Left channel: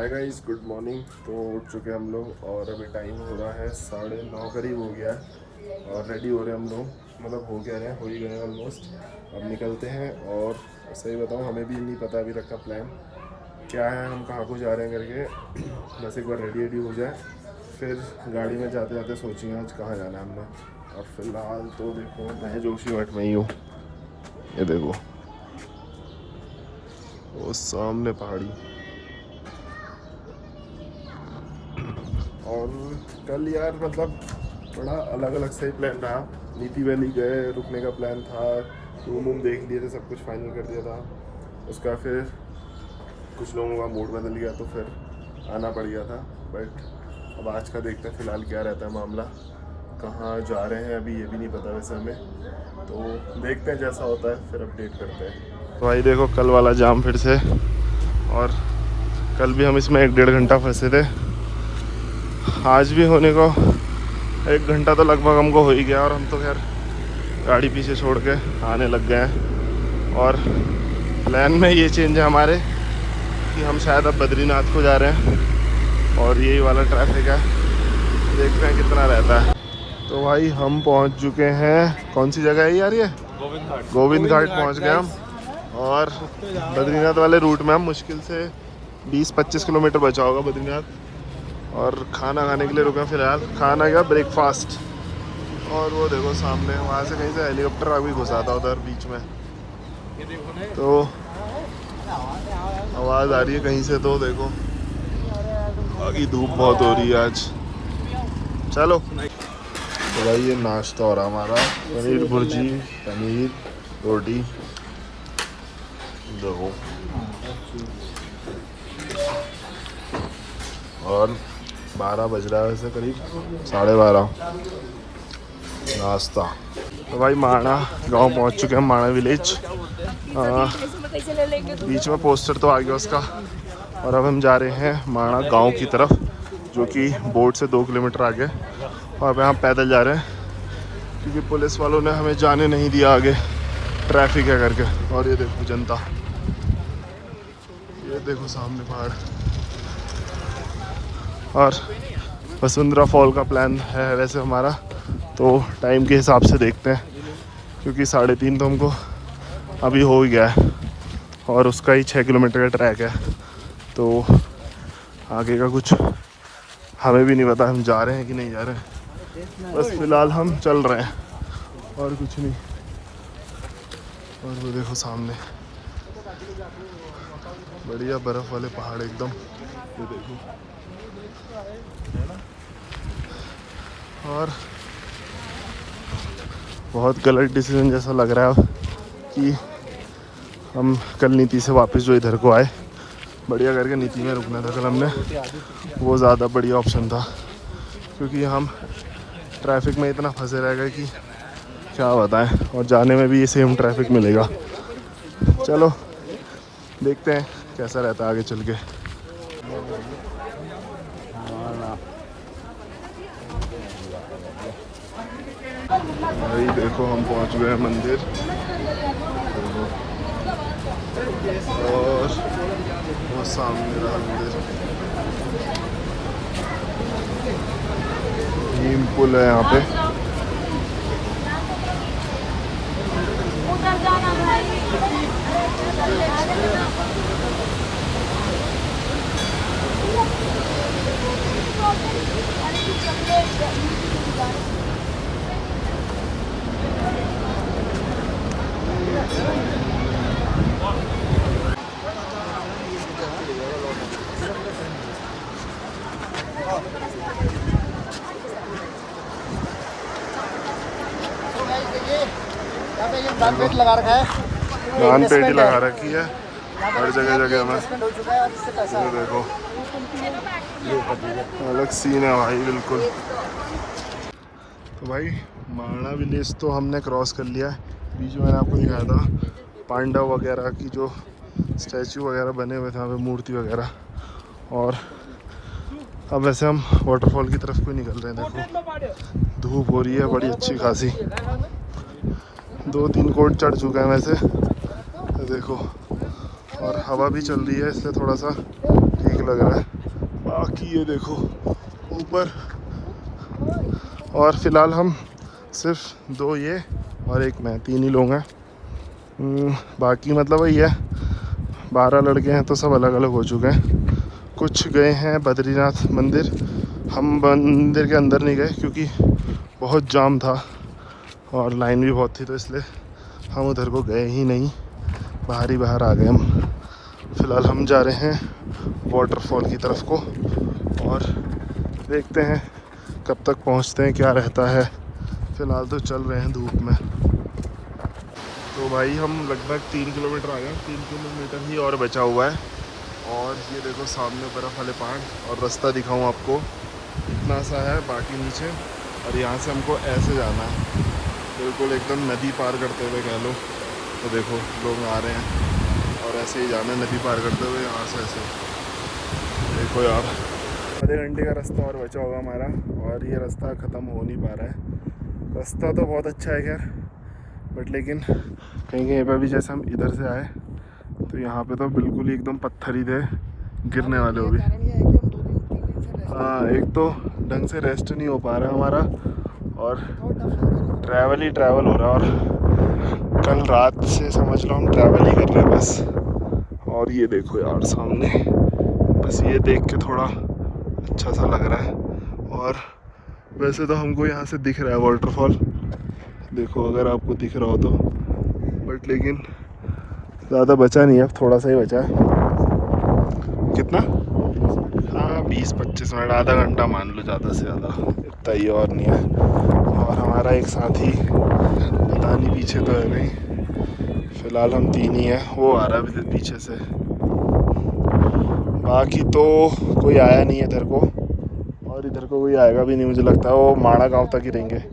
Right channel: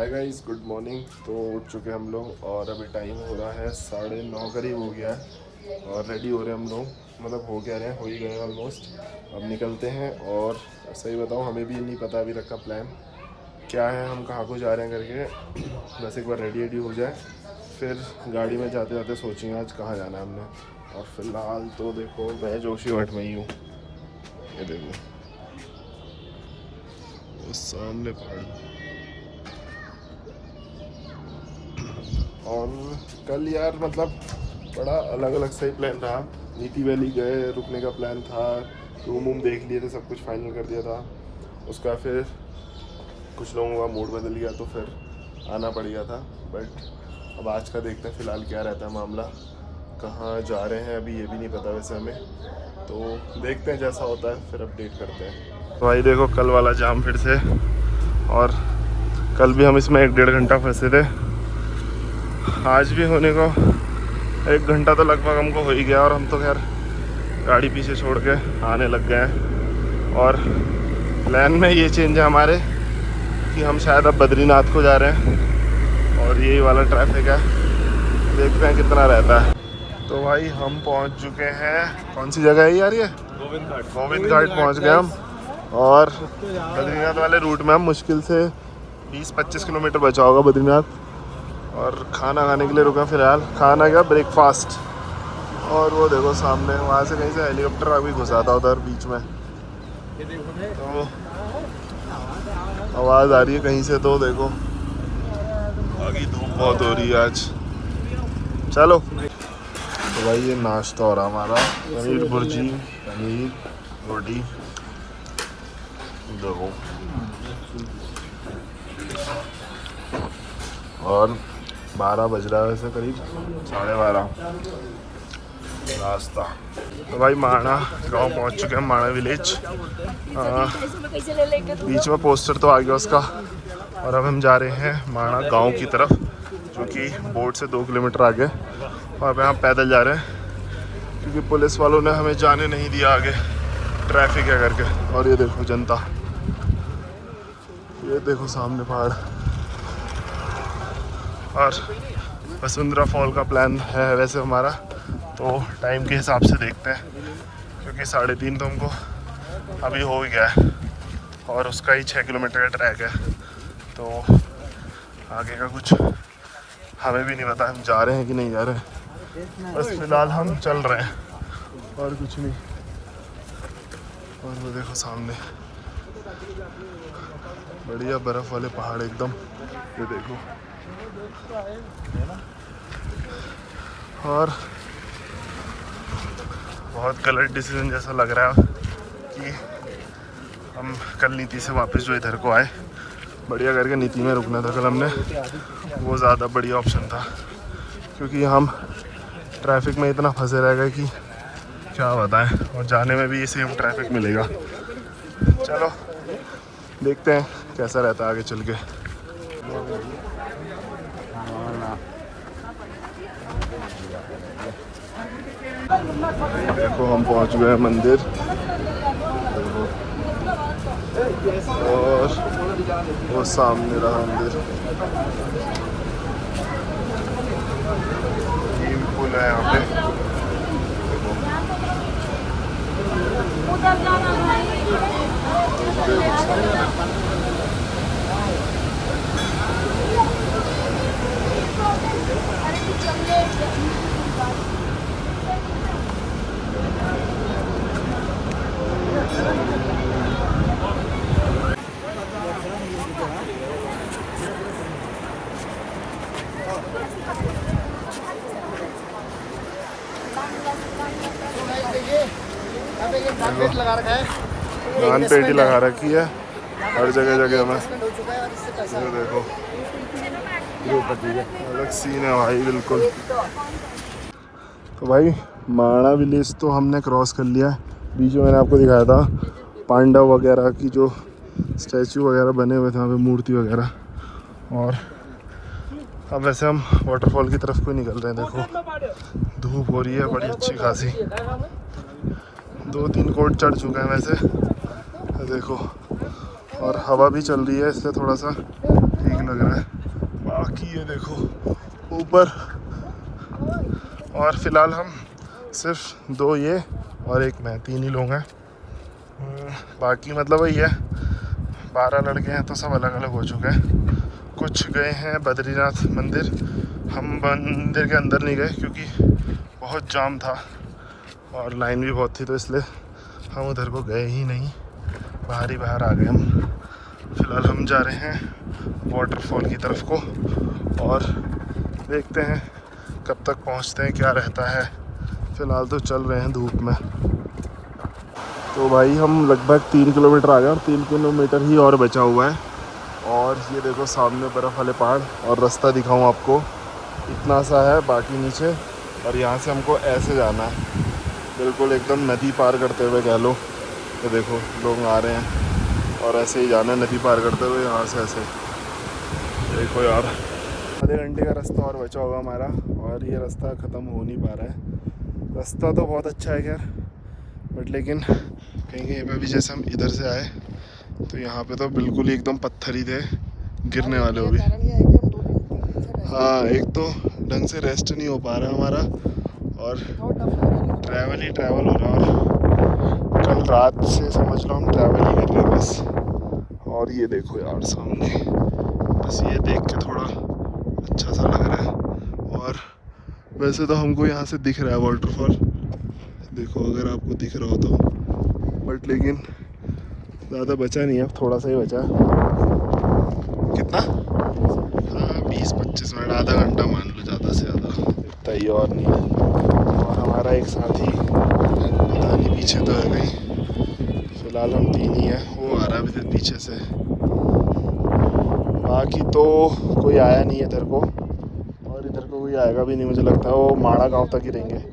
हाय guys, good morning. तो उठ चुके हम लोग और अभी टाइम हो रहा है 9:30 करीब हो गया है और रेडी हो रहे हैं हम लोग। मतलब हो गया रहे, हो ही गए ऑलमोस्ट। अब निकलते हैं और सही बताऊं हमें भी नहीं पता अभी तक का प्लान क्या है, हम कहाँ को जा रहे हैं करके। बस एक बार रेडी हो जाए फिर गाड़ी में जाते जाते सोचेंगे आज कहाँ जाना है हमने। और फिलहाल तो देखो मैं जोशीमठ में ही हूँ। ये देखो वो सामने पहाड़ी। और कल यार मतलब बड़ा अलग अलग सही प्लान रहा। नीति वैली गए, रुकने का प्लान था, रूम वूम देख लिए थे, सब कुछ फाइनल कर दिया था। उसका फिर कुछ लोगों का मूड बदल गया तो फिर आना पड़ गया था। बट अब आज का देखते हैं फ़िलहाल क्या रहता है मामला, कहाँ जा रहे हैं अभी ये भी नहीं पता वैसे हमें। तो देखते हैं जैसा होता है फिर अपडेट करते हैं। तो भाई देखो कल वाला जाम फिर से, और कल भी हम इसमें 1-1.5 घंटा फंसे थे। आज भी होने को 1 घंटा तो लगभग हमको हो ही गया और हम तो खैर गाड़ी पीछे छोड़ के आने लग गए हैं। और प्लान में ये चेंज है हमारे कि हम शायद अब बद्रीनाथ को जा रहे हैं और यही वाला ट्रैफिक है, देखते हैं कितना रहता है। तो भाई हम पहुंच चुके हैं, कौन सी जगह है यार ये? गोविंद घाट पहुंच गए हम। और बद्रीनाथ वाले रूट में हम मुश्किल से 20-25 किलोमीटर बचा होगा बद्रीनाथ। और खाना खाने के लिए रुका फिलहाल, खाना क्या ब्रेकफास्ट। और वो देखो सामने वहाँ से कहीं से हेलीकॉप्टर अभी घुसा था उधर बीच में, तो आवाज़ आ रही है कहीं से। तो देखो बाकी धूप बहुत हो रही है आज। चलो तो भाई ये नाश्ता हो रहा हमारा, पनीर भुर्जी, पनीर रोटी। देखो और 12 बज रहा है वैसे, करीब 12:30 नाश्ता। तो भाई माणा गांव पहुंच चुके हैं, माणा विलेज। बीच में पोस्टर तो आ गया उसका। और अब हम जा रहे हैं माणा गांव की तरफ, जो कि बोर्ड से 2 किलोमीटर आगे। और अब हम पैदल जा रहे हैं क्योंकि पुलिस वालों ने हमें जाने नहीं दिया आगे, ट्रैफिक है करके। और ये देखो जनता, ये देखो सामने पहाड़। और वसुंधरा फॉल का प्लान है वैसे हमारा, तो टाइम के हिसाब से देखते हैं क्योंकि 3:30 तो हमको अभी हो ही गया है और उसका ही 6 किलोमीटर का ट्रैक है। तो आगे का कुछ हमें भी नहीं पता, हम जा रहे हैं कि नहीं जा रहे हैं। बस फिलहाल हम चल रहे हैं और कुछ नहीं। और वो देखो सामने बढ़िया बर्फ़ वाले पहाड़ एकदम, ये देखो। और बहुत गलत डिसीजन जैसा लग रहा है कि हम कल नीति से वापस जो इधर को आए, बढ़िया करके नीति में रुकना था कल हमने, वो ज़्यादा बढ़िया ऑप्शन था। क्योंकि हम ट्रैफिक में इतना फंसे रह गए कि क्या बताएं, और जाने में भी ये सेम ट्रैफिक मिलेगा। चलो देखते हैं कैसा रहता है आगे चल के। भाई देखो हम पहुंच गए मंदिर, देखो। और सामने रहा मंदिर, पुल है यहाँ पे। नान पेटी लगा रखी है हर जगह जगह में, ये देखो अलग सीन है भाई बिल्कुल। तो भाई माणा विलेज तो हमने क्रॉस कर लिया है। बीच में मैंने आपको दिखाया था पांडव वगैरह की जो स्टैचू वगैरह बने हुए थे वहाँ पे, मूर्ति वगैरह। और अब वैसे हम वाटरफॉल की तरफ को निकल रहे हैं। देखो धूप हो रही है बड़ी अच्छी खासी, 2-3 कोट चढ़ चुका है वैसे, देखो। और हवा भी चल रही है इसलिए थोड़ा सा ठीक ठीक लग रहा है। बाकी ये देखो ऊपर, और फिलहाल हम सिर्फ 2 ये और 1 मैं, 3 ही लोग हैं। बाकी मतलब वही है, 12 लड़के हैं तो सब अलग अलग हो चुके हैं। कुछ गए हैं बद्रीनाथ मंदिर, हम मंदिर के अंदर नहीं गए क्योंकि बहुत जाम था और लाइन भी बहुत थी, तो इसलिए हम उधर को गए ही नहीं, बाहर आ गए हम। फ़िलहाल हम जा रहे हैं वाटरफॉल की तरफ को और देखते हैं कब तक पहुंचते हैं, क्या रहता है। फ़िलहाल तो चल रहे हैं धूप में। तो भाई हम लगभग 3 किलोमीटर आ गए और 3 किलोमीटर ही और बचा हुआ है। और ये देखो सामने बर्फ़ वाले पहाड़, और रास्ता दिखाऊं आपको, इतना सा है बाकी नीचे, और यहाँ से हमको ऐसे जाना है, बिल्कुल एकदम नदी पार करते हुए कह लो। ये देखो लोग आ रहे हैं और ऐसे ही जाना है नदी पार करते हुए यहाँ से ऐसे। देखो यार, आधे घंटे का रास्ता और बचा होगा हमारा, और ये रास्ता ख़त्म हो नहीं पा रहा है। रास्ता तो बहुत अच्छा है खैर, बट लेकिन कहीं कहीं पर भी, जैसे हम इधर से आए तो यहाँ पे तो बिल्कुल ही एकदम पत्थर ही थे, गिरने वाले हो भी। हाँ, एक तो ढंग से रेस्ट नहीं हो पा रहा है हमारा, और ट्रैवल ही ट्रैवल हो रहा है, और कल रात से समझ लो हम ट्रैवल ही कर रहे हैं बस। और ये देखो यार सामने, बस ये देख के थोड़ा अच्छा सा लग रहा है। और वैसे तो हमको यहाँ से दिख रहा है वाटरफॉल, देखो अगर आपको दिख रहा हो तो, बट लेकिन ज़्यादा बचा नहीं है, अब थोड़ा सा ही बचा है। कितना? हाँ 20-25 मिनट, आधा घंटा मान लो ज़्यादा से ज़्यादा, इतना ही और नहीं है। और हमारा एक साथी पता नहीं पीछे तो है नहीं, फ़िलहाल हम 3 ही हैं, वो आ रहा है पीछे से। बाकी तो कोई आया नहीं है इधर को, और इधर को कोई आएगा भी नहीं मुझे लगता है, वो माड़ा गांव तक ही रहेंगे।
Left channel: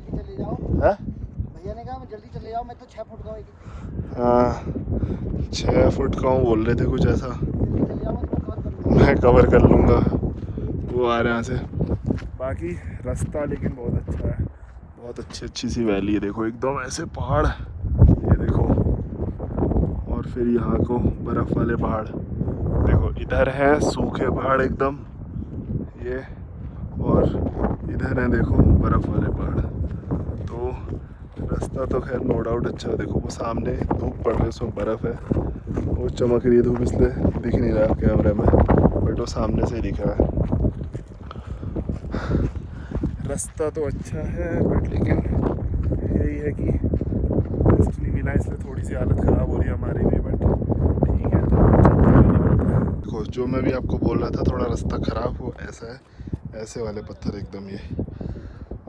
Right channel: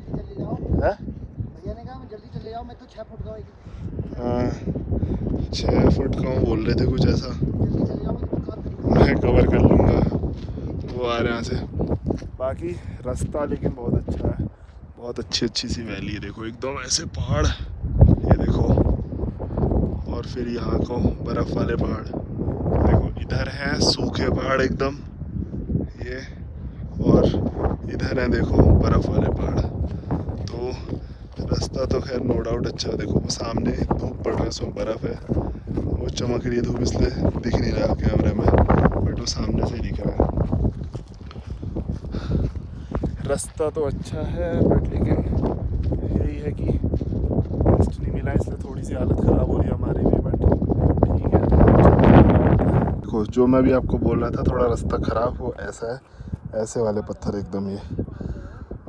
हाँ 6 फुट का बोल रहे थे कुछ ऐसा, मैं कवर कर लूँगा, वो आ रहे हैं यहाँ से। बाकी रास्ता लेकिन बहुत अच्छा है, बहुत अच्छी सी वैली है, देखो एकदम ऐसे पहाड़, ये देखो, और फिर यहाँ को बर्फ़ वाले पहाड़, देखो इधर हैं सूखे पहाड़ एकदम ये, और इधर हैं देखो बर्फ़ वाले पहाड़। तो रास्ता तो खैर नो डाउट अच्छा है। देखो वो सामने धूप पड़ रहा है, उसमें बर्फ़ है, वो चमक रही है धूप, इसलिए दिख नहीं रहा कैमरे में, बट वो सामने से दिख रहा है। रास्ता तो अच्छा है, बट लेकिन यही है कि रेस्ट नहीं मिला, इसलिए थोड़ी सी हालत ख़राब हो रही है हमारी भी, बट ठीक है। देखो जो मैं भी आपको बोल रहा था, थोड़ा रास्ता ख़राब हो ऐसा है, ऐसे वाले पत्थर एकदम ये,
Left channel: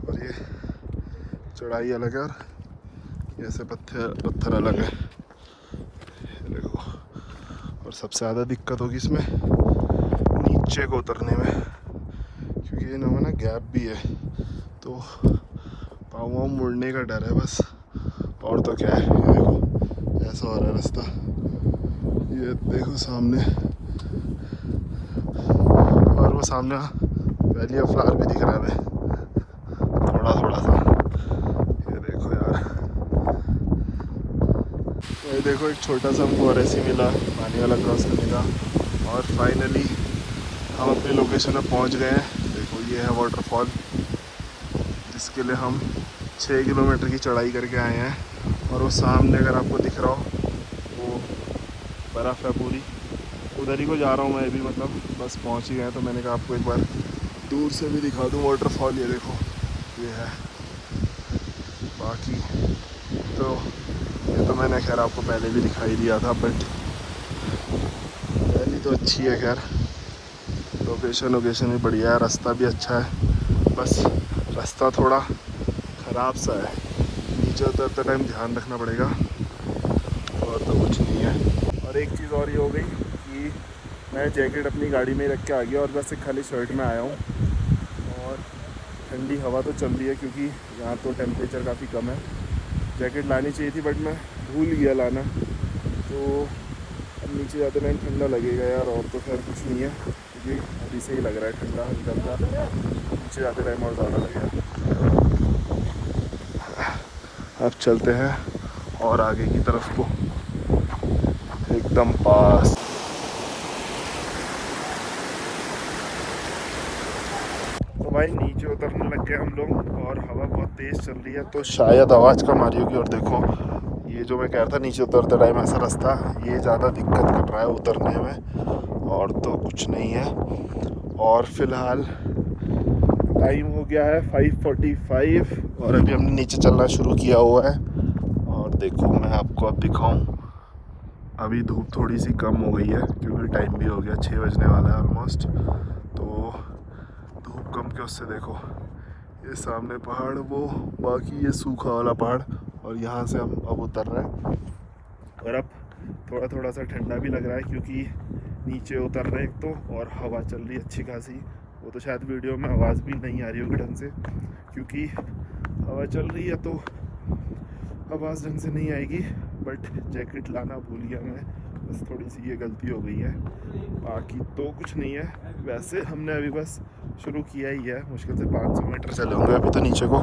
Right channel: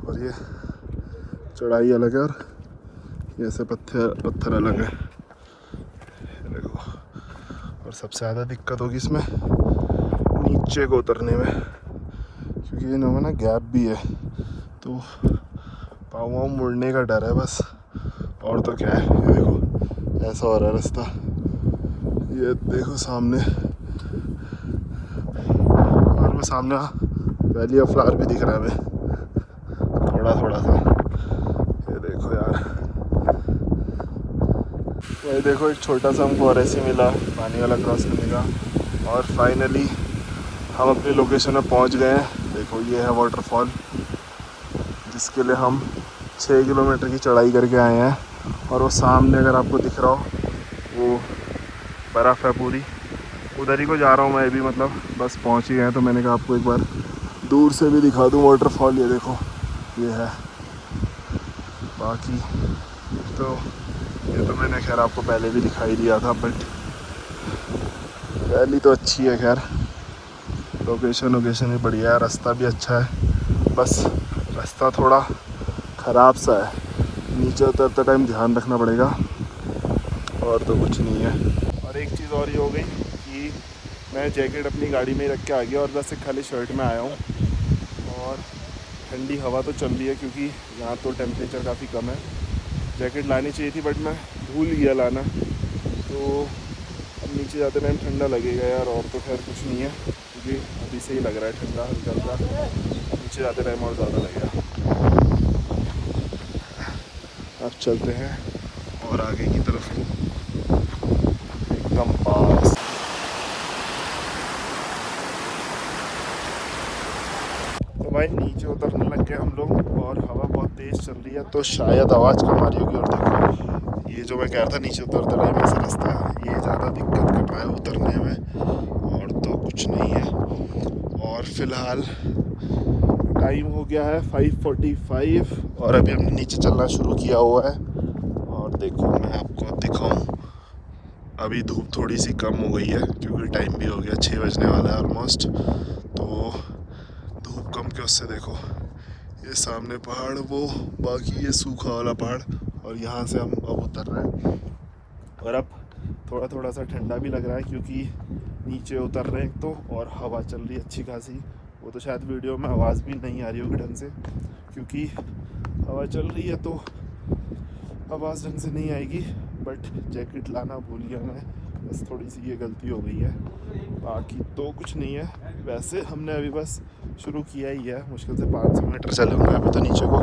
और ये चढ़ाई अलग है और ये ऐसे पत्थर अलग है, देखो। और सबसे ज़्यादा दिक्कत होगी इसमें नीचे को उतरने में, क्योंकि इनमें ना गैप भी है, तो पाँव मुड़ने का डर है बस, और तो क्या है। ये देखो ऐसा हो रहा है रास्ता, ये देखो सामने, और वो सामने वैली ऑफ फ्लावर भी दिख रहा है थोड़ा सा, ये देखो यार। वही देखो एक छोटा सा हमको और ऐसे मिला पानी वाला क्रॉस करने का, और फाइनली हम अपनी लोकेशन में पहुंच गए हैं। देखो ये है वाटरफॉल, जिसके लिए हम 6 किलोमीटर की चढ़ाई करके आए हैं, और वो सामने अगर आपको दिख रहा हो वो बर्फ़ है पूरी, उधर ही को जा रहा हूँ मैं भी, मतलब बस पहुँच ही गए हैं। तो मैंने कहा आपको एक बार दूर से भी दिखा दूँ वाटरफॉल, ये देखो ये है। बाकी तो ये तो मैंने खैर आपको पहले भी दिखाई दिया था, बट वैली तो अच्छी है खैर, लोकेशन भी बढ़िया है, रास्ता भी अच्छा है, बस रास्ता थोड़ा ख़राब सा है, नीचे उतरते टाइम ध्यान रखना पड़ेगा, और तो कुछ नहीं है। और एक चीज़ और ये हो गई कि मैं जैकेट अपनी गाड़ी में ही रख के आ गया, और बस एक खाली शर्ट में आया हूँ, और ठंडी हवा तो चल रही है क्योंकि यहाँ तो टेम्परेचर काफ़ी कम है। जैकेट लानी चाहिए थी बट मैं भूल गया लाना, तो अब नीचे जाते टाइम ठंडा लगेगा यार, और तो खैर कुछ नहीं है क्योंकि अभी से ही लग रहा है ठंडा हल्का हल्का, नीचे जाते टाइम और ज़्यादा लगेगा। अब चलते हैं और आगे की तरफ को, एकदम पास। तो भाई नीचे उतरने लग गए हम लोग और हवा बहुत तेज़ चल रही है तो शायद आवाज़ कम आ रही होगी। और देखो ये जो मैं कह रहा था नीचे उतरते टाइम ऐसा रास्ता, ये ज़्यादा दिक्कत कर रहा है उतरने में, और तो कुछ नहीं है। और फिलहाल टाइम हो गया है 5:45 और अभी हमने नीचे चलना शुरू किया हुआ है। और देखो मैं आपको अब दिखाऊं, अभी धूप थोड़ी सी कम हो गई है क्योंकि टाइम भी हो गया, 6 बजने वाला है ऑलमोस्ट। तो धूप कम के उससे देखो ये सामने पहाड़, वो बाकी ये सूखा वाला पहाड़, और यहाँ से हम अब उतर रहे हैं। और अब थोड़ा थोड़ा सा ठंडा भी लग रहा है क्योंकि नीचे उतर रहे हैं तो, और हवा चल रही है अच्छी खासी। वो तो शायद वीडियो में आवाज़ भी नहीं आ रही होगी ढंग से क्योंकि हवा चल रही है तो आवाज़ ढंग से नहीं आएगी। बट जैकेट लाना भूल गया मैं, बस थोड़ी सी ये गलती हो गई है, बाकी तो कुछ नहीं है। वैसे हमने अभी बस शुरू किया ही है, मुश्किल से 500 मीटर चले होंगे अभी तो नीचे को,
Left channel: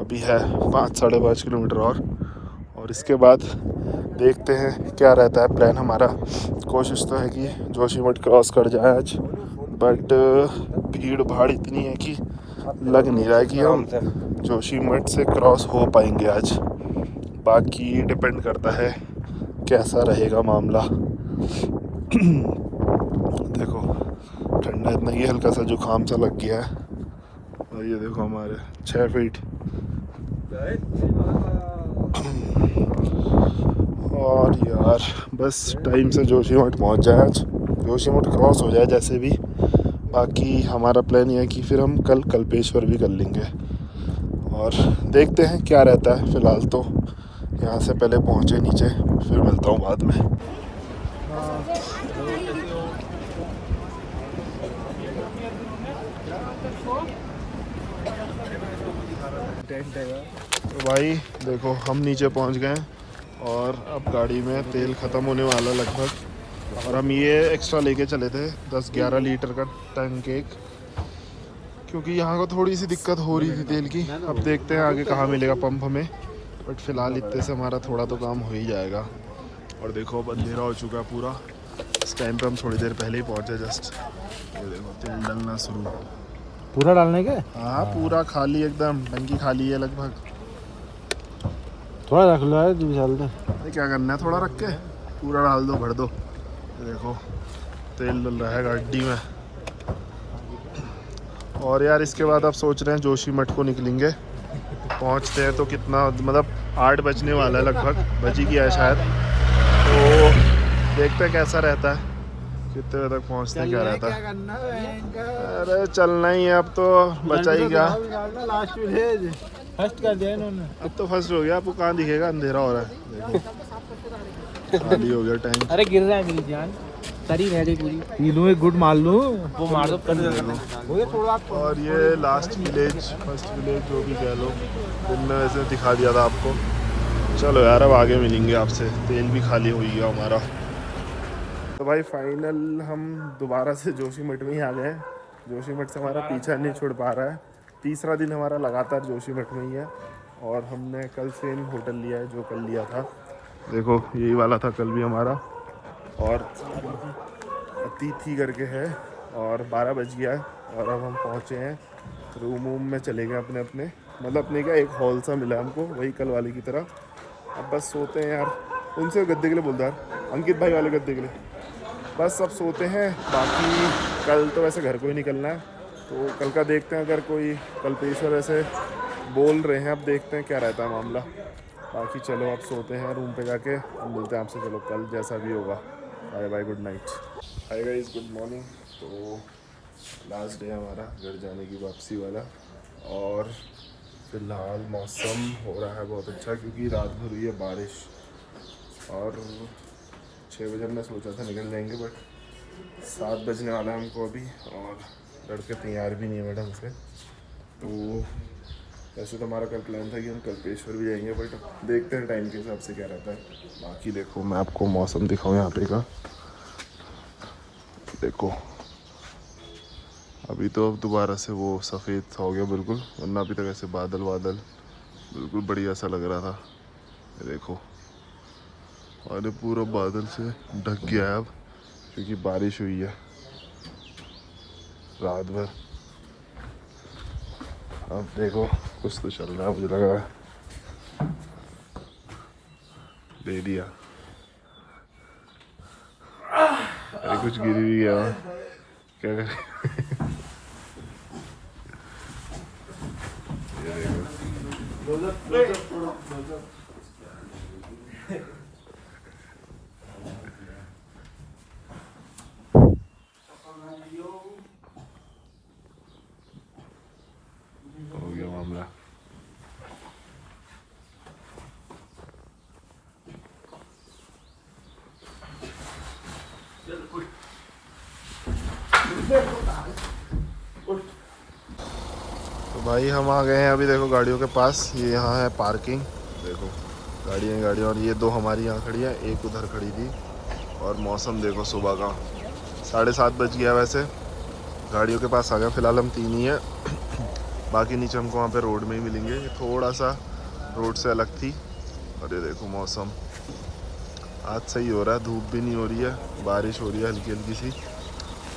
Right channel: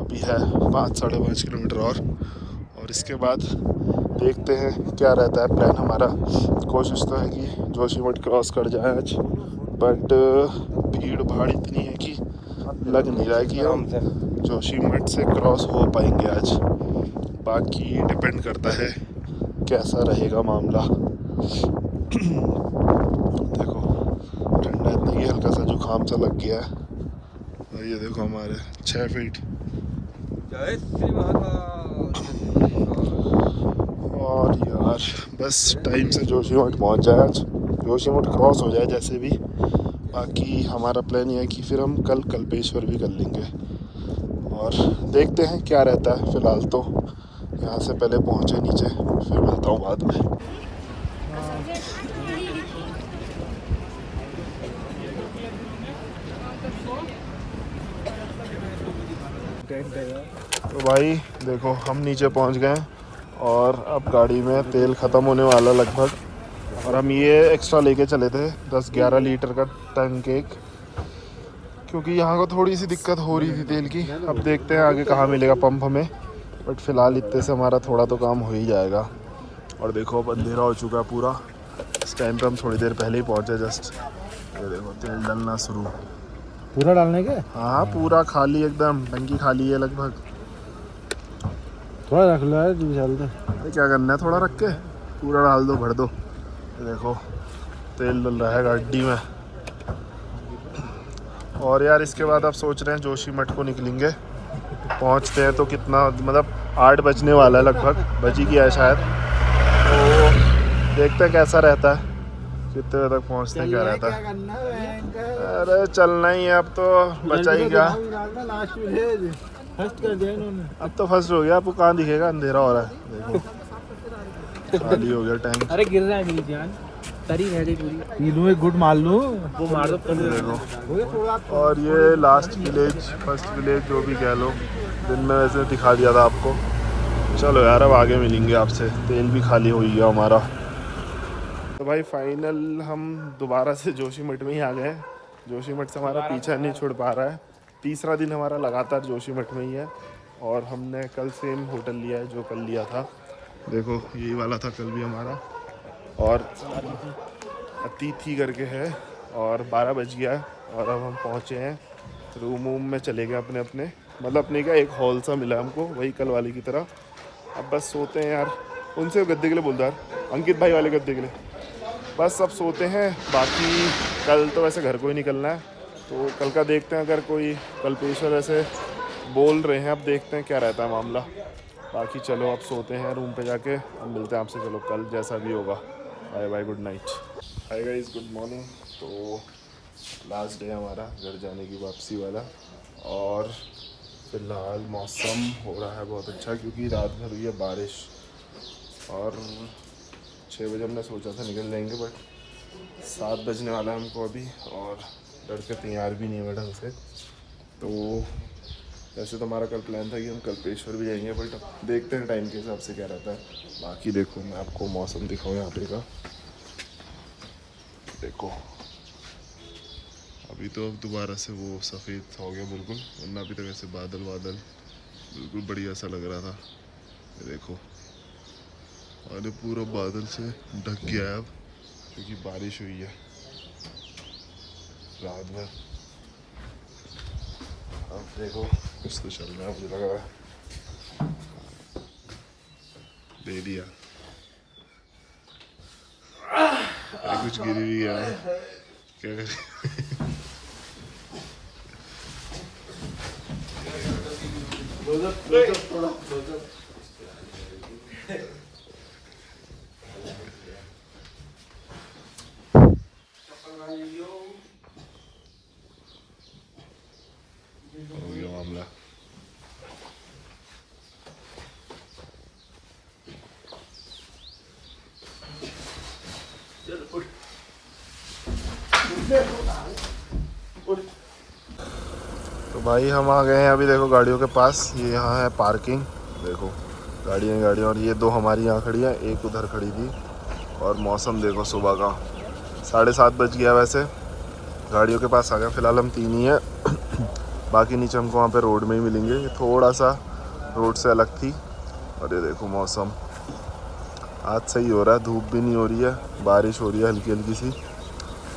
अभी है 5-5.5 किलोमीटर और इसके बाद देखते हैं क्या रहता है प्लान हमारा। कोशिश तो है कि जोशीमठ क्रॉस कर जाए आज, बट भीड़ भाड़ इतनी है कि लग नहीं रहा है कि हम जोशीमठ से क्रॉस हो पाएंगे आज। बाकी डिपेंड करता है कैसा रहेगा मामला। देखो ठंडा इतना कि हल्का सा जुकाम सा लग गया है। और ये देखो हमारे 6 फीट। और यार बस टाइम से जोशीमठ पहुंच जाए आज, जोशीमठ क्रॉस हो जाए जैसे भी। बाकी हमारा प्लान यह है कि फिर हम कल कल्पेश्वर भी कर लेंगे और देखते हैं क्या रहता है। फ़िलहाल तो यहाँ से पहले पहुँचे नीचे, फिर मिलता हूँ बाद में। तो भाई देखो हम नीचे पहुँच गए और अब गाड़ी में तेल ख़त्म होने वाला लगभग, और हम ये एक्स्ट्रा लेके चले थे 10-11 लीटर का टैंक एक, क्योंकि यहाँ को थोड़ी सी दिक्कत हो रही थी तेल की। अब देखते हैं आगे कहाँ मिलेगा पंप हमें, बट फ़िलहाल इतने से हमारा थोड़ा तो काम हो ही जाएगा। और देखो अब अंधेरा हो चुका है पूरा, इस टाइम पे हम थोड़ी देर पहले ही पहुँचे जस्ट। ये देखो तेल डालना शुरू, पूरा डालने के? हाँ पूरा खाली, एकदम टंकी खाली है लगभग। थोड़ा रख लो है 2 साल तक। अरे क्या करना है, थोड़ा रख के पूरा डाल दो, भर दो। ये देखो तेल डल रहा है गाड़ी में। और यार इसके बाद आप सोच रहे हैं जोशीमठ को निकलेंगे, पहुंचते हैं तो कितना, मतलब 8 बजने वाला है लगभग, बज ही गया है शायद। तो देखते हैं कैसा रहता है, कितने बजे तक पहुंचते हैं, क्या रहता है। अरे चलना ही है, अब तो बचा ही क्या, लास्ट विलेज फर्स्ट कर दिया इन्होंने। अब तो फर्स्ट हो गया। आपको कहाँ दिखेगा, अंधेरा हो रहा है देखो, खाली हो गया टैंक। अरे गिर रहा है मेरी जान, तरी रह गई पूरी। पी लूं एक गुड मार लूं, वो मार दो देखो। और ये लास्ट विलेज, फर्स्ट विलेज जो भी कह लो, दिन में वैसे दिखा दिया था आपको। चलो यार अब आगे मिलेंगे आपसे, तेल भी खाली हो गया हमारा। तो भाई फाइनल हम दोबारा से जोशीमठ में ही आ गए। जोशीमठ से हमारा पीछा नहीं छुड़ पा रहा है, तीसरा दिन हमारा लगातार जोशीमठ में ही है। और हमने कल सेम होटल लिया है जो कल लिया था, देखो यही वाला था कल भी हमारा, और अतिथि करके है। और 12 बज गया है और अब हम पहुँचे हैं रूम में, चले गए अपने अपने, मतलब अपने का एक हॉल सा मिला हमको, वही कल वाले की तरह। अब बस सोते हैं यार, उनसे गद्दे के लिए बोलता यार, अंकित भाई वाले गद्दे के लिए। बस अब सोते हैं, बाकी कल तो वैसे घर को ही निकलना है, तो कल का देखते हैं। अगर कोई कल्पेश्वर ऐसे बोल रहे हैं, अब देखते हैं क्या रहता है मामला। बाकी चलो अब सोते हैं रूम पे जाके, हम मिलते हैं आपसे चलो कल जैसा भी होगा। Bye bye, good night. Hi guys, good morning. तो लास्ट डे हमारा घर जाने की वापसी वाला, और फिलहाल मौसम हो रहा है बहुत अच्छा क्योंकि रात भर हुई है बारिश। और 6 बजे हमने सोचा था निकल जाएंगे, बट 7 बजने वाला है हमको अभी, और लड़के तैयार भी नहीं हुए ढंग से। तो वैसे तो हमारा कल प्लान था कि हम कल्पेश्वर भी जाएंगे, बट देखते हैं टाइम के हिसाब से क्या रहता है। बाकी देखो मैं आपको मौसम दिखाऊं यहाँ पे का, देखो अभी तो अब दोबारा से वो सफ़ेद हो गया बिल्कुल, वरना अभी तक ऐसे बादल बादल बिल्कुल बढ़िया सा लग रहा था। ये देखो, और ये पूरा बादल से ढक गया है अब क्योंकि बारिश हुई है रात भर। अब देखो कुछ तो चल रहा है, मुझे लग रहा है। दे दिया। अरे कुछ गिर भी गया, क्या करें। ये देखो। हो गया मामला। तो भाई हम आ गए हैं अभी, देखो गाड़ियों के पास। ये यहाँ है पार्किंग, देखो गाड़ियाँ और ये 2 हमारी यहाँ खड़ी हैं, एक उधर खड़ी थी। और मौसम देखो सुबह का 7:30 बज गया। वैसे गाड़ियों के पास आ गया, फ़िलहाल हम 3 ही हैं। बाकी नीचे हमको वहाँ पे रोड में ही मिलेंगे, ये थोड़ा सा रोड से अलग थी। और ये देखो मौसम आज सही हो रहा है, धूप भी नहीं हो रही है, बारिश हो रही है हल्की हल्की सी।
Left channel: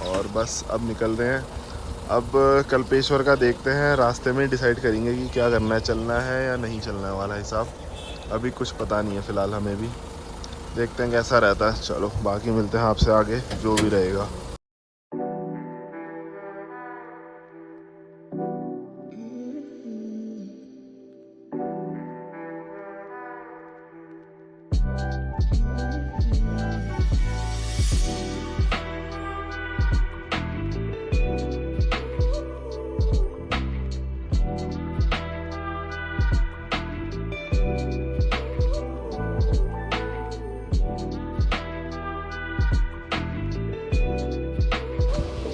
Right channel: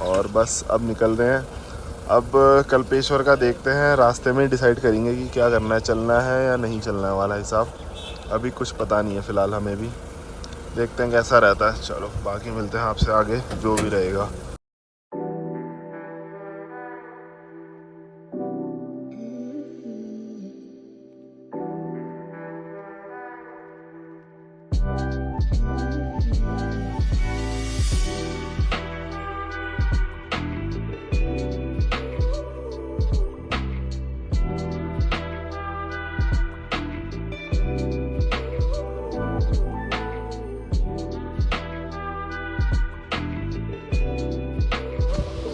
और बस अब निकल रहे हैं। अब कल्पेश्वर का देखते हैं, रास्ते में डिसाइड करेंगे कि क्या करना है, चलना है या नहीं चलना है वाला हिसाब। अभी कुछ पता नहीं है फ़िलहाल हमें भी, देखते हैं कैसा रहता है। चलो बाकी मिलते हैं आपसे आगे, जो भी रहेगा।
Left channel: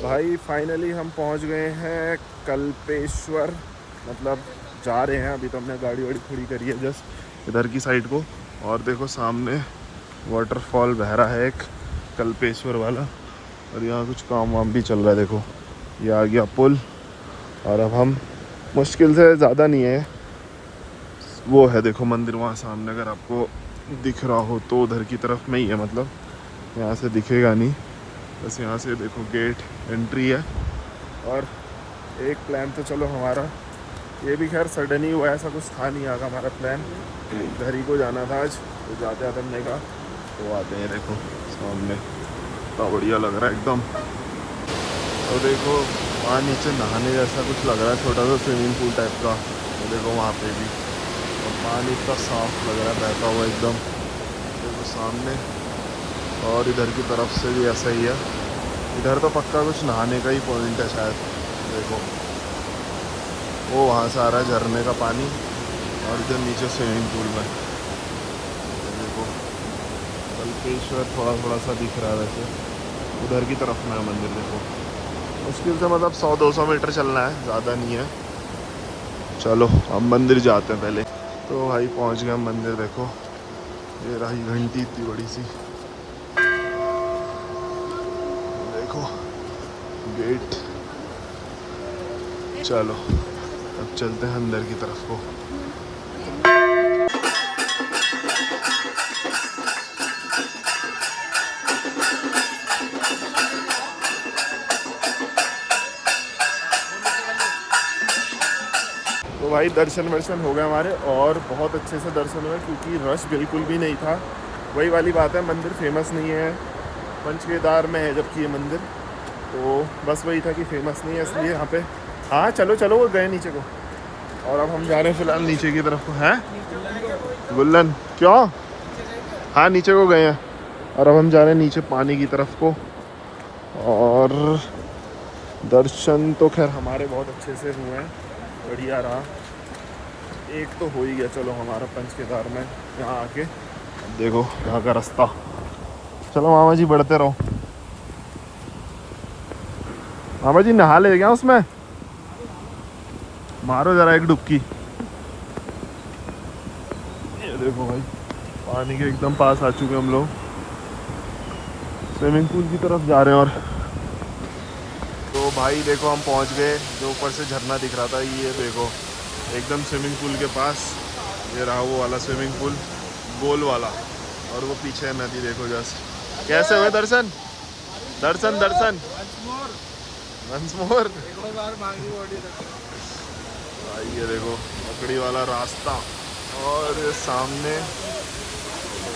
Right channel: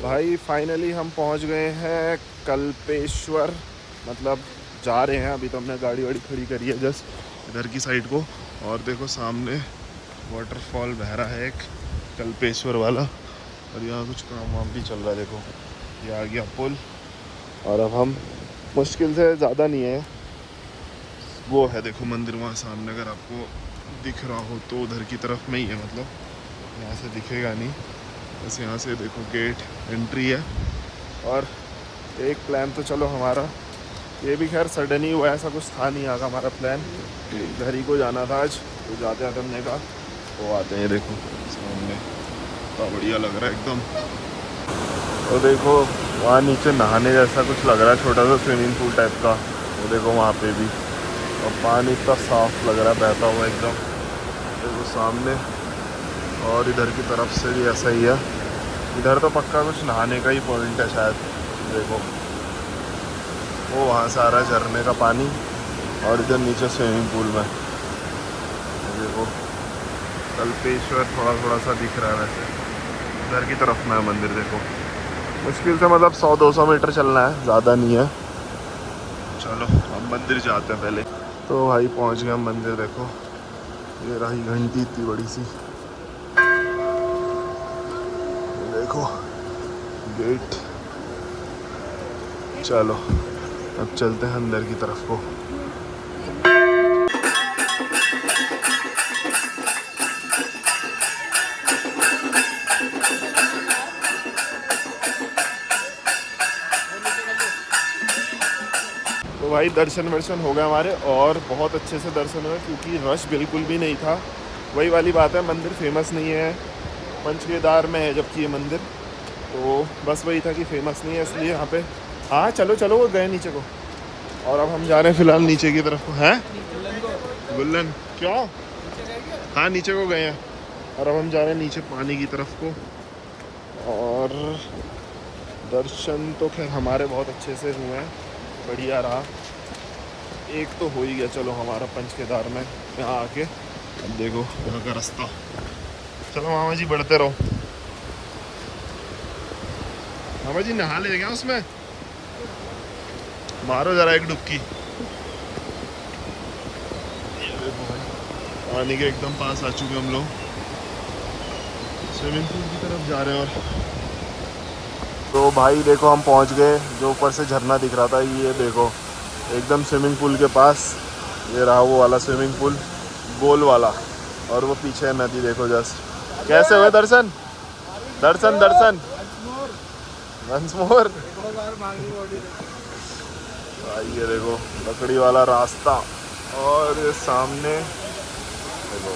भाई फाइनली हम पहुंच गए हैं कल्पेश्वर, मतलब जा रहे हैं। अभी तो हमने गाड़ी वाड़ी खड़ी करी है जस्ट इधर की साइड को। और देखो सामने वाटरफॉल बह रहा है एक, कल्पेश्वर वाला। और यहाँ कुछ काम वाम भी चल रहा है, देखो ये आ गया पुल। और अब हम मुश्किल से ज़्यादा नहीं है, वो है देखो मंदिर वहाँ सामने, अगर आपको दिख रहा हो तो उधर की तरफ में ही है, मतलब यहाँ से दिखेगा नहीं, बस यहाँ से देखो गेट एंट्री है। और एक प्लान तो चलो हमारा ये भी खैर सडन ही हुआ, ऐसा कुछ था नहीं आगा हमारा प्लान। घर ही को जाना था आज, तो जाते आते हमने कहा वो आते हैं। देखो सामने इतना बढ़िया लग रहा है एकदम। तो देखो वहाँ नीचे नहाने जैसा कुछ लग रहा है, छोटा सा स्विमिंग पूल टाइप का। वो देखो वहाँ पे भी, और पानी इतना साफ लग रहा है बहता हुआ एकदम, देखो सामने। और इधर की तरफ से भी ऐसा ही है, इधर तो पक्का कुछ नहाने का ही पॉइंट है शायद। देखो वो वहाँ से आ रहा है झरने का पानी, और इधर नीचे स्विमिंग पूल में देखो कल्पेश्वर थोड़ा थोड़ा सा दिख रहा है। वैसे इधर की तरफ में है मंदिर, देखो मुश्किल से मतलब 100-200 मीटर चलना है, ज़्यादा नहीं है। चलो हम मंदिर जाते हैं पहले। तो भाई पहुँच गए हम मंदिर, देखो ये रही घंटी इतनी बड़ी सी, देखो गेट। चलो अब चलते हैं अंदर की तरफ को। तो भाई दर्शन वर्शन हो गए हमारे, और बहुत अच्छे से दर्शन हुए, क्योंकि रश बिल्कुल भी नहीं था। वही वाली बात है, मंदिर फेमस नहीं है, पंचकेदार में है जबकि ये मंदिर, तो बस वही था कि फेमस नहीं है इसलिए यहाँ पे। हाँ चलो चलो, वो गए नीचे को। और अब हम जा रहे हैं फिलहाल नीचे की तरफ को। है गुल्लन क्यों? हाँ नीचे को गए हैं, और अब हम जा रहे हैं नीचे पानी की तरफ को। और दर्शन तो खैर हमारे बहुत अच्छे से हुए हैं, बढ़िया रहा। एक तो हो ही गया चलो हमारा पंचकेदार में यहाँ आके। देखो यहाँ का रास्ता, चलो मामा जी बढ़ते रहो। मामा जी नहा ले गया उसमें, मारो जरा एक डुबकी। ये देखो भाई पानी के एकदम पास आ चुके हम लोग, स्विमिंग पूल की तरफ जा रहे हैं। और तो भाई देखो हम पहुंच गए, जो ऊपर से झरना दिख रहा था ये देखो एकदम स्विमिंग पूल के पास। ये रहा वो वाला स्विमिंग पूल गोल वाला, और वो पीछे है नदी, देखो जस्ट। कैसे हुए दर्शन? दर्शन दर्शन वंस मोर। ये देखो लकड़ी वाला रास्ता और ये सामने देखो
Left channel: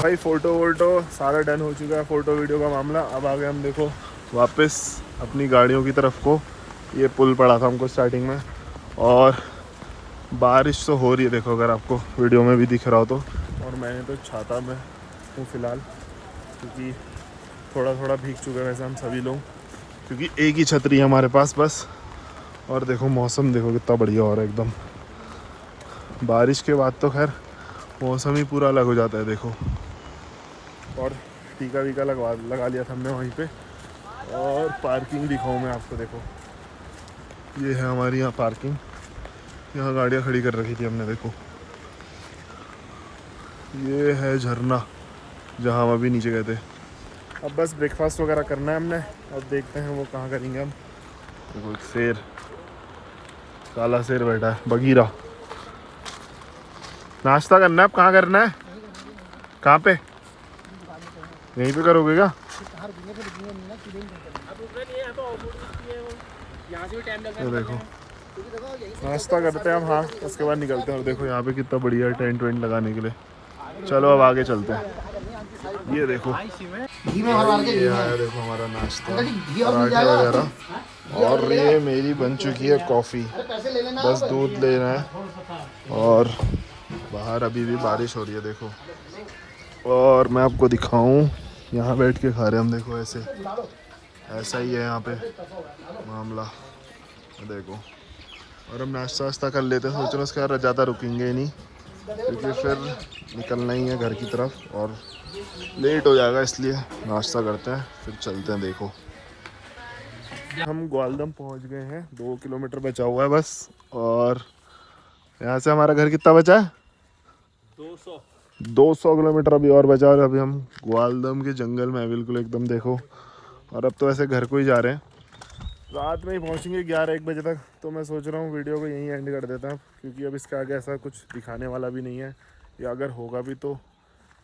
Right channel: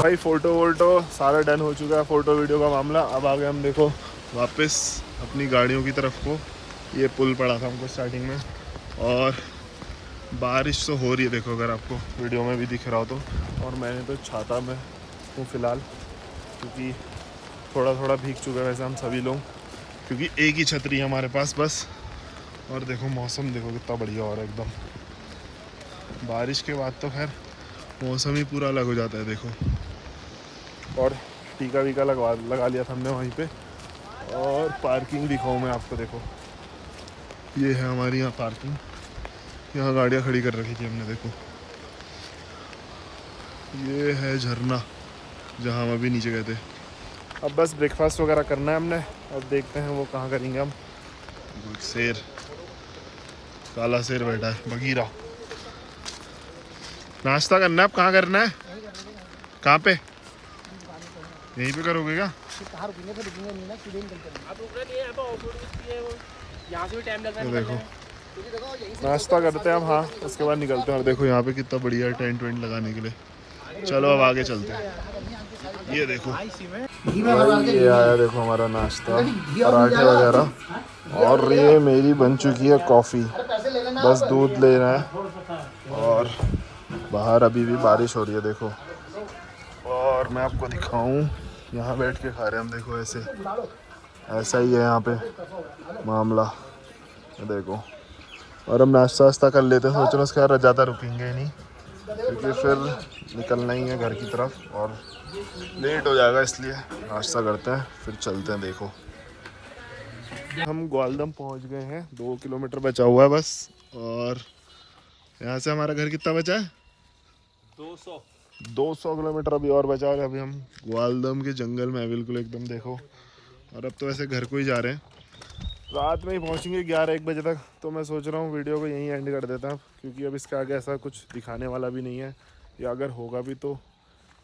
भाई फ़ोटो वोटो सारा डन हो चुका है, फ़ोटो वीडियो का मामला। अब आ गए हम देखो वापस अपनी गाड़ियों की तरफ को। ये पुल पड़ा था हमको स्टार्टिंग में और बारिश तो हो रही है, देखो अगर आपको वीडियो में भी दिख रहा हो तो। और मैंने तो छाता में हूँ फ़िलहाल, क्योंकि थोड़ा थोड़ा भीग चुके हैं वैसे हम सभी लोग, क्योंकि एक ही छतरी है हमारे पास बस। और देखो मौसम देखो कितना बढ़िया हो रहा है एकदम। बारिश के बाद तो खैर मौसम ही पूरा अलग हो जाता है देखो। और टीका वीका लगा लिया था हमने वहीं पे। और पार्किंग दिखाऊँ मैं आपको, देखो ये है हमारी यहाँ पार्किंग। यहाँ गाड़ियाँ खड़ी कर रखी थी हमने, देखो ये है झरना जहाँ हम अभी नीचे गए थे। अब बस ब्रेकफास्ट वगैरह करना है हमने, अब देखते हैं वो कहाँ करेंगे हम। देखो एक शेर, काला शेर बैठा है बगीरा। नाश्ता करना है, अब कहाँ करना है, कहाँ पे, यहीं पे करोगे क्या? ये देखो नाश्ता करते हैं हम, हाँ उसके बाद निकलते हैं। और देखो यहाँ पे कितना बढ़िया टेंट वेंट लगाने के लिए। चलो अब आगे चलते हैं। ये देखो भाई ये आया देखो हमारा नाश्ता, पराठे वगैरह। और ये मेरी बन चुकी है कॉफ़ी, बस दूध लेना है। और बाहर अभी भी बारिश हो रही है देखो। और मैं आपको दिखाऊं, यहाँ बैठ के खा रहे हम, देखो ऐसा ही है यहाँ पे मामला, देखो। और हम नाश्ता वास्ता कर लेते हैं, सोच रहे हैं उसके बाद ज़्यादा रुकेंगे ही नहीं, क्योंकि फिर निकलना ही है घर की तरफ और लेट हो जाएगा, इसलिए नाश्ता करते हैं फिर चलते हैं। देखो हम ग्वालदम पहुंच गए हैं, 2 किलोमीटर बचा हुआ है बस। और यहाँ से हमारा घर कितना बचा है? 200 किलोमीटर अभी और बचा। और अभी हम ग्वालदम के जंगल में है बिल्कुल एकदम, देखो। और अब तो वैसे घर को ही जा रहे हैं, रात में ही पहुंचेंगे 11-1 बजे तक। तो मैं सोच रहा हूँ वीडियो को यहीं एंड कर देता हूँ, क्योंकि अब इसके आगे ऐसा कुछ दिखाने वाला भी नहीं है, या अगर होगा भी तो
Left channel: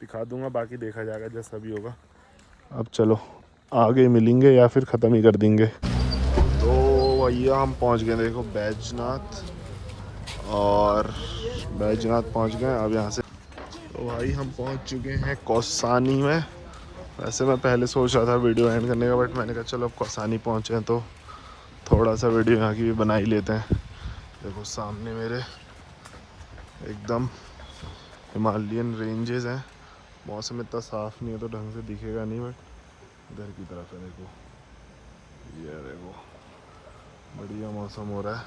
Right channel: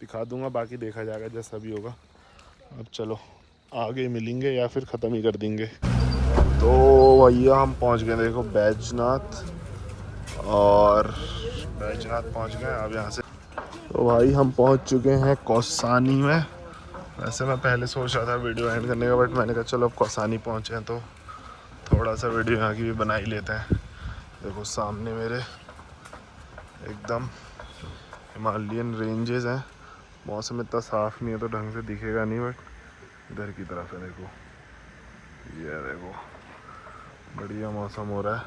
दिखा दूंगा, बाकी देखा जाएगा जैसा भी होगा। अब चलो आगे मिलेंगे या फिर ख़त्म ही कर देंगे। तो भैया हम पहुंच गए देखो बैजनाथ, और बैजनाथ पहुंच गए अब यहाँ से। तो भाई हम पहुंच चुके हैं कौसानी में। वैसे मैं पहले सोच रहा था वीडियो एंड करने का, बट मैंने कहा चलो अब कौसानी पहुंचे हैं तो थोड़ा सा वीडियो यहाँ की भी बना ही लेते हैं। देखो सामने मेरे एकदम हिमालयन रेंजेस हैं। मौसम इतना साफ़ नहीं है तो ढंग से दिखेगा नहीं, बट इधर की तरफ है देखो, ये देखो बढ़िया मौसम हो रहा है।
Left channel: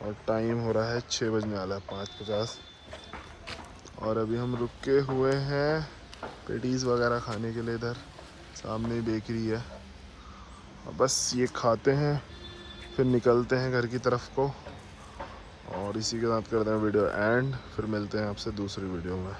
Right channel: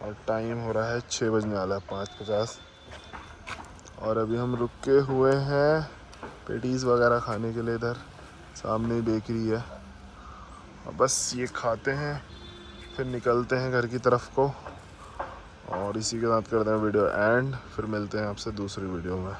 और टाइम हो रहा है 6 बजने वाला है, 5:50। और अभी हम रुके हुए हैं पेटीज़ वगैरह खाने के लिए, इधर सामने बेकरी है। और बस ये खाते हैं फिर निकलते हैं घर की तरफ को। और इसी के साथ करते हैं वीडियो एंड, फिर मिलते हैं आपसे दूसरी वीडियो में।